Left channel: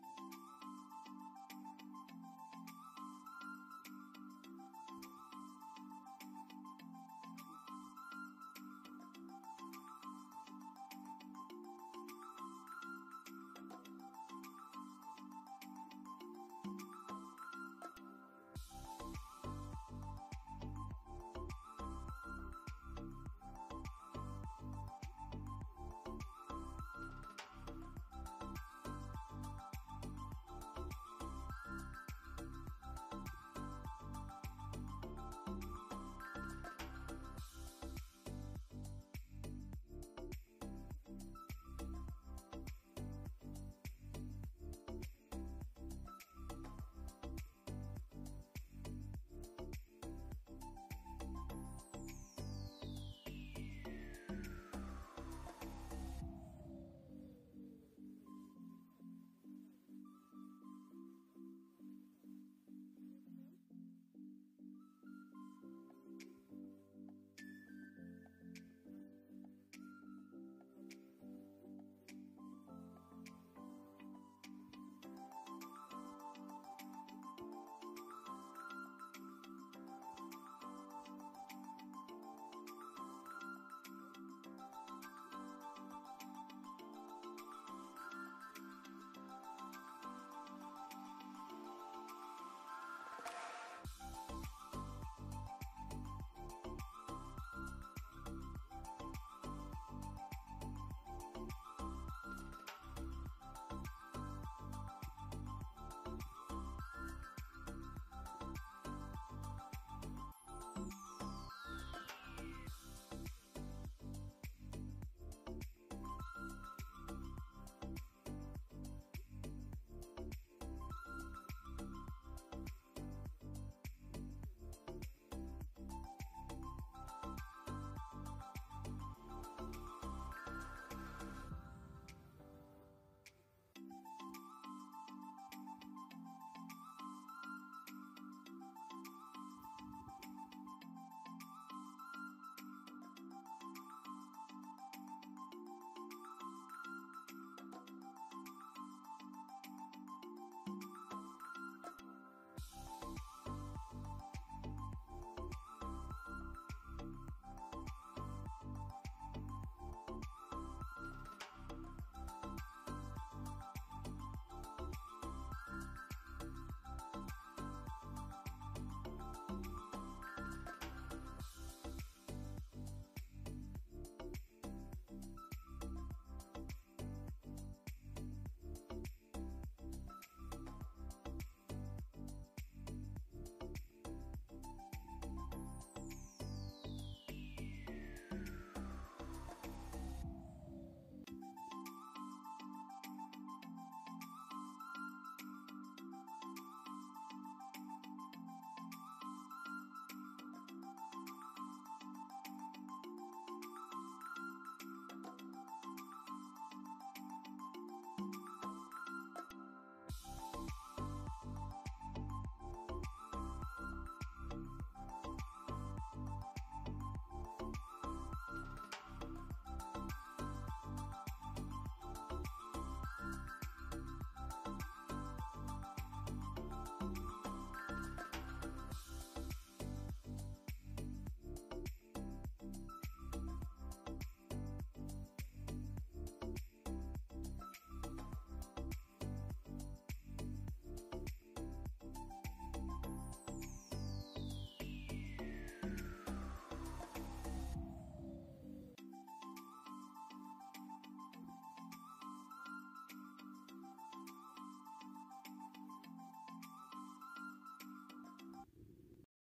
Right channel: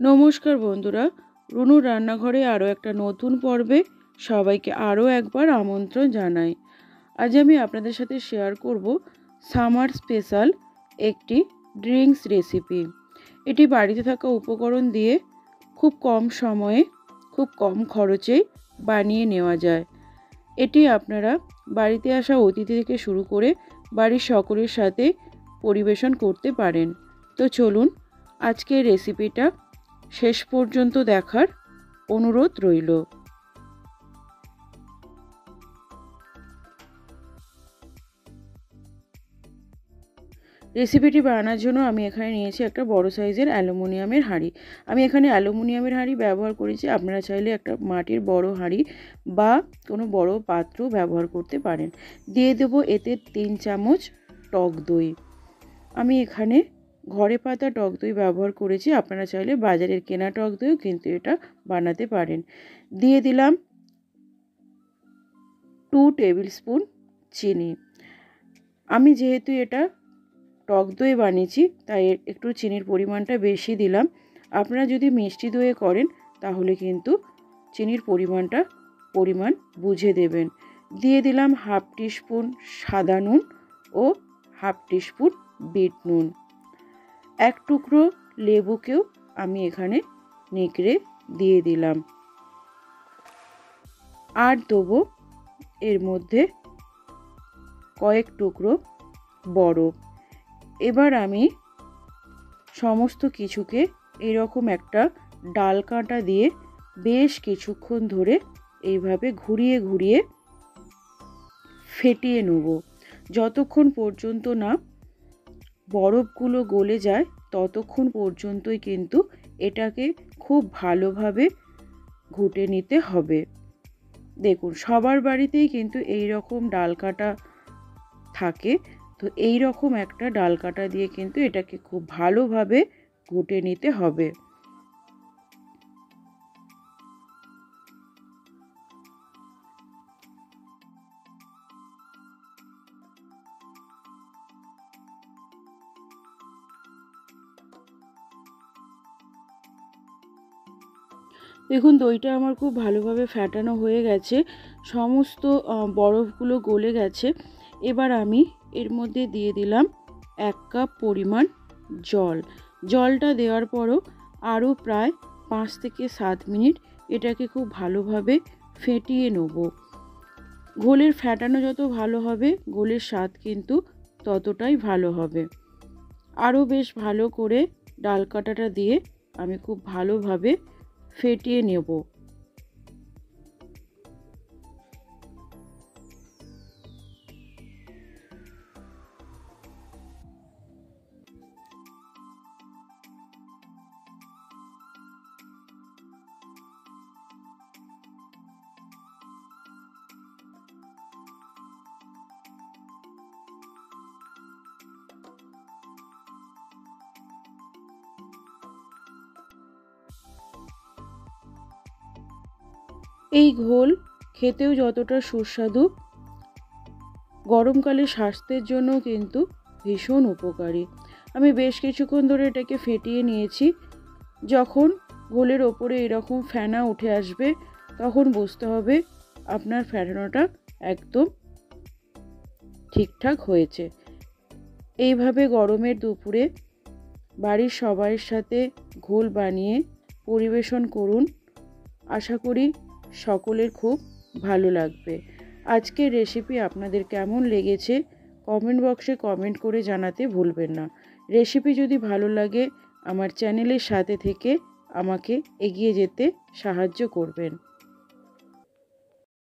নমস্কার বন্ধুরা, রুনুর রান্নাঘরে আরও একটা নতুন পর্বে সবাইকে আরও একবার আমন্ত্রণ জানাই। আজ আমি আপনাদের সাথে শেয়ার করব সামার স্পেশাল একটি ড্রিঙ্কস রেসিপি। এটি বাড়িতে থাকা উপকরণ দিয়ে খুব কম সময়ে খুব কম খরচেই বানিয়ে নেওয়া যায়। এটি আপনারা বাড়িতে আসা অতিথি থেকে শুরু করে বাড়ির সকলের সাথে পরিবেশন করতে পারেন। তো চলুন আজকের রেসিপিটা শেষ পর্যন্ত দেখার অনুরোধ রইল। রেসিপিটি বানানোর জন্য আমি এখানে নিয়েছি একটা বড় সাইজের অ্যালুমিনিয়ামের হাঁড়ি। আমি এখানে অ্যালুমিনিয়ামের হাঁড়ি ব্যবহার করেছি, আপনারা চাইলে একটা মাটির বড় হাঁড়ি বা কোনো বড় পাত্র ব্যবহার করতে পারেন। দিয়ে দেব এতে 3 চামচ টক দই। আমি এখানে ঘরে পাতা টক দই ব্যবহার করেছি, আপনারা চাইলে বাজারের কেনা টক দইও কিন্তু এটা বানাতে পারেন। দিয়ে দিলাম 2 টেবিল স্পুন চিনি। আমি যেহেতু এটা টক দই বানিয়েছি তাই একটু চিনির পরিমাণটা বেশি দিলাম। আপনারা যদি মিষ্টি দইয়ে করেন তাহলে কিন্তু চিনির পরিমাণ বুঝে দেবেন। দিয়ে দিলাম 1/2 টিস্পুন সাদা নুন ও 1/2 টিস্পুন বিট নুন। এক টুকরো লেবুকেও আমি এখানে নেকড়ে দিয়ে দিলাম। আর দেবো এর মধ্যে কয়েক টুকরো বরফ। এবার আমি সমস্ত কিছুকে এরকম একটা ডাল কাঁটা দিয়ে বেশ কিছুক্ষণ ধরে এইভাবে ঘুরিয়ে ঘুরিয়ে ফেটিয়ে নেব। যতক্ষণ পর্যন্ত না বরফগুলো গলে যায় ততক্ষণ পর্যন্তই কিন্তু এটাকে খুব ভালোভাবে ঘুটে নিতে হবে। দেখুন, সবার বাড়িতেই কিন্তু এই রকম ডাল কাঁটা থাকে, তো এই রকম একটা ডাল কাঁটা দিয়ে কিন্তু এটাকে খুব ভালোভাবে ঘুটে নিতে হবে। দেখুন, দইটা আমার খুব ভালোভাবে ফেটানো হয়ে গেছে, সমস্ত বরফগুলো গলে গেছে। এবার আমি এর মধ্যে দিয়ে দিলাম 1 কাপ পরিমাণ জল। জলটা দেওয়ার পরও আরও প্রায় 5 থেকে 7 মিনিট এটাকে খুব ভালোভাবে ফেটিয়ে নেব। ঘোলের ফেটানো যত ভালো হবে ঘোলের স্বাদ কিন্তু ততটাই ভালো হবে। আরও বেশ ভালো করে ডাল কাঁটাটা দিয়ে আমি খুব ভালোভাবে ফেটিয়ে নেব। এই ঘোল খেতেও যতটা সুস্বাদু, গরমকালে স্বাস্থ্যের জন্য কিন্তু ভীষণ উপকারী। আমি বেশ কিছুক্ষণ ধরে এটাকে ফেটিয়ে নিয়েছি। যখন ঘোলের ওপরে এরকম ফেনা উঠে আসবে তখন বুঝতে হবে আপনার ফেটানোটা একদম ঠিকঠাক হয়েছে। এইভাবে গরমের দুপুরে বাড়ির সবাইয়ের সাথে ঘোল বানিয়ে পরিবেশন করুন, আশা করি সকলের খুব ভালো লাগবে। আজকের রেসিপি আপনাদের কেমন লেগেছে কমেন্ট বক্সে কমেন্ট করে জানাতে ভুলবেন না। রেসিপি যদি ভালো লাগে আমার চ্যানেলের সাথে থেকে আমাকে এগিয়ে যেতে সাহায্য করবেন।